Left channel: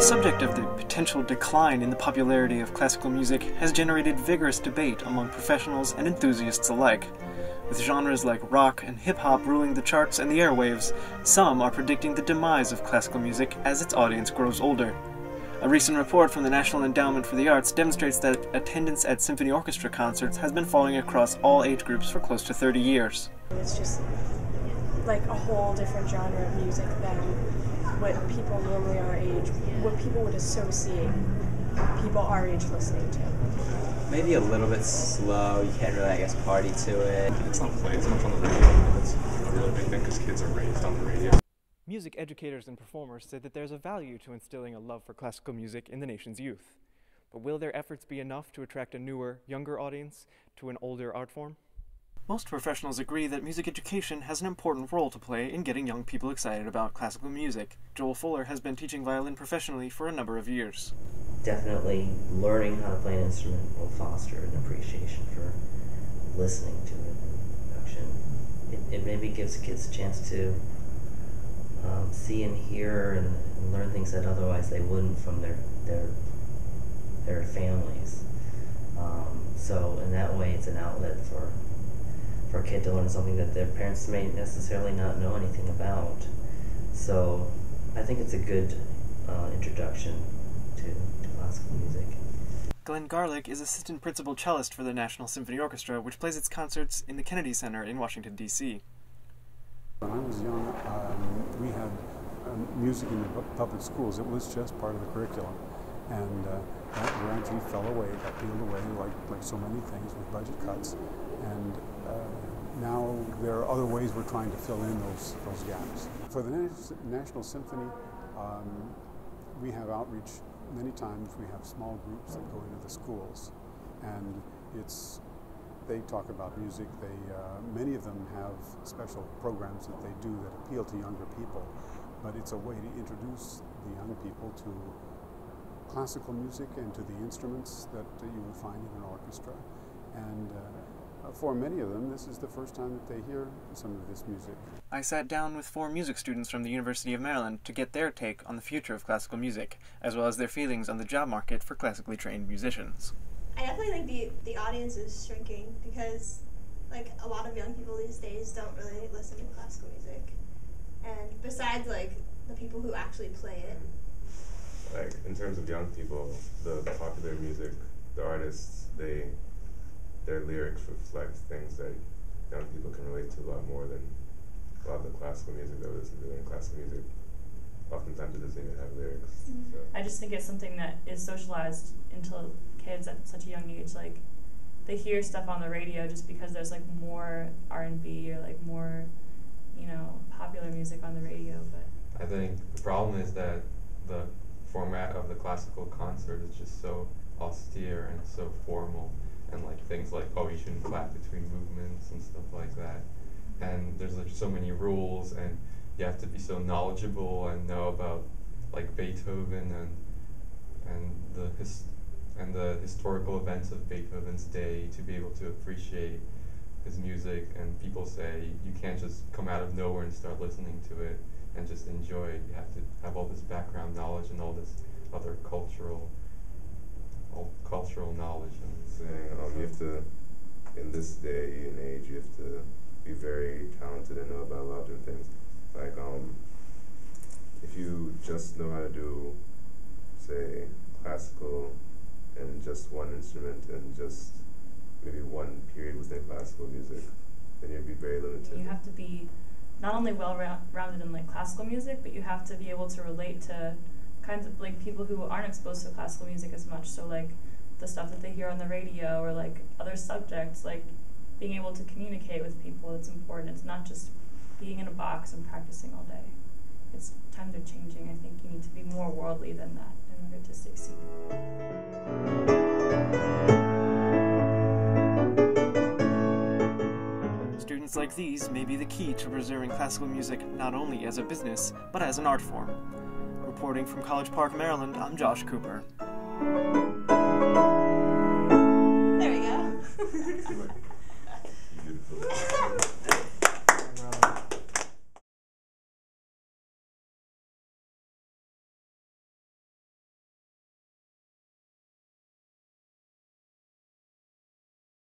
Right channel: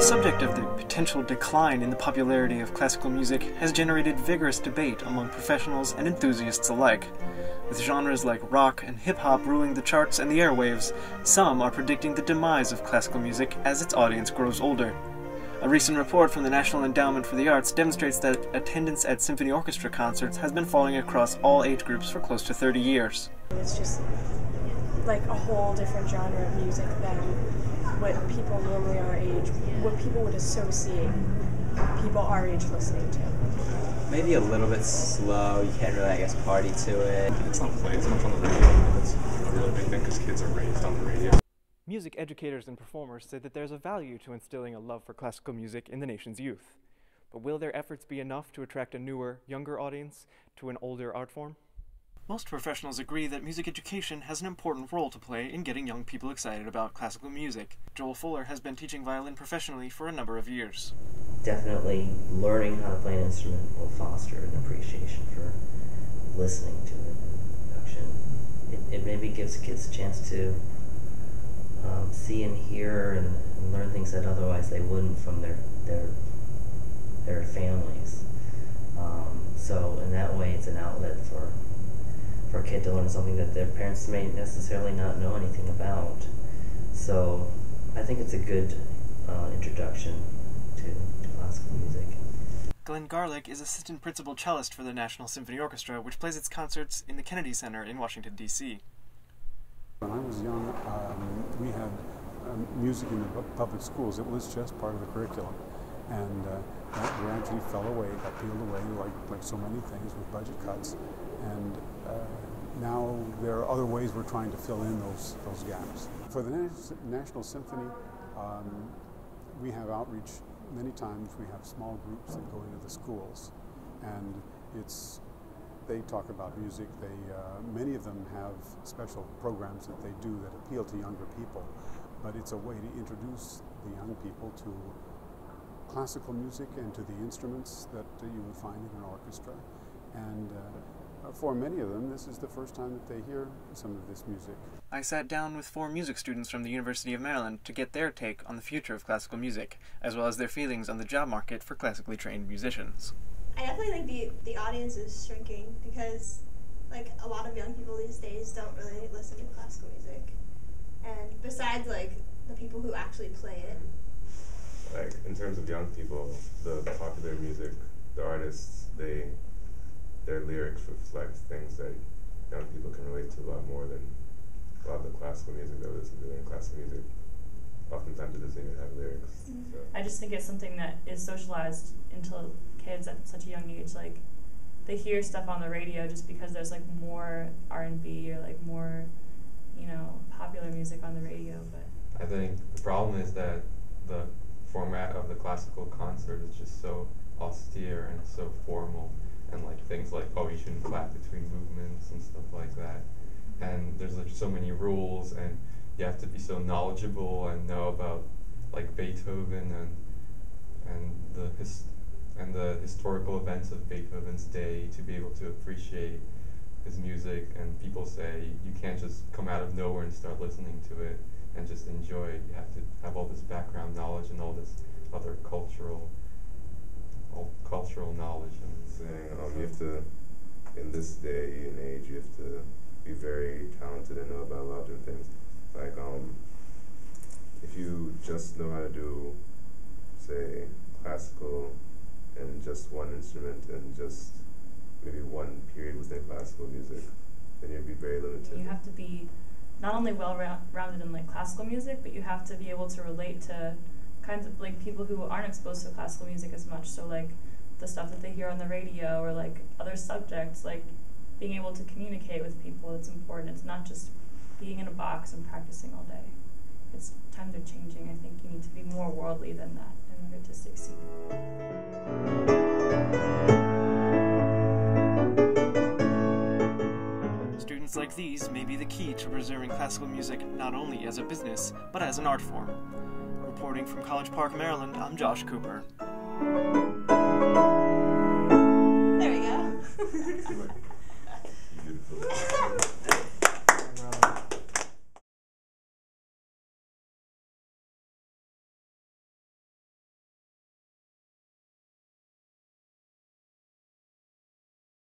The subject of the potential decline in the popularity of classical music has generated vigorous debate among professionals and enthusiasts alike. With genres like rock and hip-hop ruling the charts and the airwaves, some are predicting the demise of classical music as its audience grows older. A recent report from the National Endowment for the Arts demonstrates that attendance at symphony orchestra concerts has been falling across all age groups for close to 30 years. It's just like a whole different genre of music than what people normally our age, what people would associate people our age listening to. Maybe a little bit slow, you can't really, I guess, party to it. It's not played so much on the radio, and that's a really big thing because kids are raised on the radio. Music educators and performers say that there's a value to instilling a love for classical music in the nation's youth. But will their efforts be enough to attract a newer, younger audience to an older art form? Most professionals agree that music education has an important role to play in getting young people excited about classical music. Joel Fuller has been teaching violin professionally for a number of years. Definitely learning how to play an instrument will foster an appreciation for listening to it in production. It maybe gives kids a chance to see and hear and learn things that otherwise they wouldn't from their families. So in that way, it's an outlet for a kid to learn something that their parents may necessarily not know anything about. So I think it's a good introduction to classical music. Glenn Garlick is assistant principal cellist for the National Symphony Orchestra, which plays its concerts in the Kennedy Center in Washington, D.C. When I was young, we had music in the public schools. It was just part of the curriculum. And that gradually fell away, got peeled away like so many things with budget cuts. And now there are other ways we're trying to fill in those gaps. For the National Symphony, we have outreach many times. We have small groups that go into the schools, and they talk about music. Many of them have special programs that they do that appeal to younger people, but it's a way to introduce the young people to classical music and to the instruments that you would find in an orchestra. And for many of them, this is the first time that they hear some of this music. I sat down with 4 music students from the University of Maryland to get their take on the future of classical music, as well as their feelings on the job market for classically trained musicians. I definitely think the audience is shrinking because like a lot of young people these days don't really listen to classical music. And besides like the people who actually play it. Like in terms of young people, the popular music, the artists, their lyrics reflect things that young people can relate to a lot more than a lot of the classical music that we listen to. And classical music, oftentimes it doesn't even have lyrics. Mm-hmm. So. I just think it's something that is socialized into kids at such a young age. Like they hear stuff on the radio just because there's like more R&B or like more, popular music on the radio. But I think the problem is that the format of the classical concert is just so austere and so formal, and like things like, oh, you shouldn't clap between movements and stuff like that. And there's like so many rules, and you have to be so knowledgeable and know about like Beethoven and the historical events of Beethoven's day to be able to appreciate his music. And people say you can't just come out of nowhere and start listening to it and just enjoy it. You have to have all this background knowledge and all this other cultural knowledge. Saying, you have to, in this day and age, you have to be very talented and know about a lot of different things. Like, if you just know how to do, say, classical and just one instrument and just maybe one period within classical music, then you'd be very limited. You have to be not only well-rounded in like classical music, but you have to be able to relate to kinds of like people who aren't exposed to classical music as much. So like the stuff that they hear on the radio or like other subjects, like being able to communicate with people, it's important. It's not just being in a box and practicing all day. Times are changing. I think you need to be more worldly than that in order to succeed. Students like these may be the key to preserving classical music not only as a business, but as an art form. Reporting from College Park, Maryland, I'm Josh Cooper. There we go. Beautiful.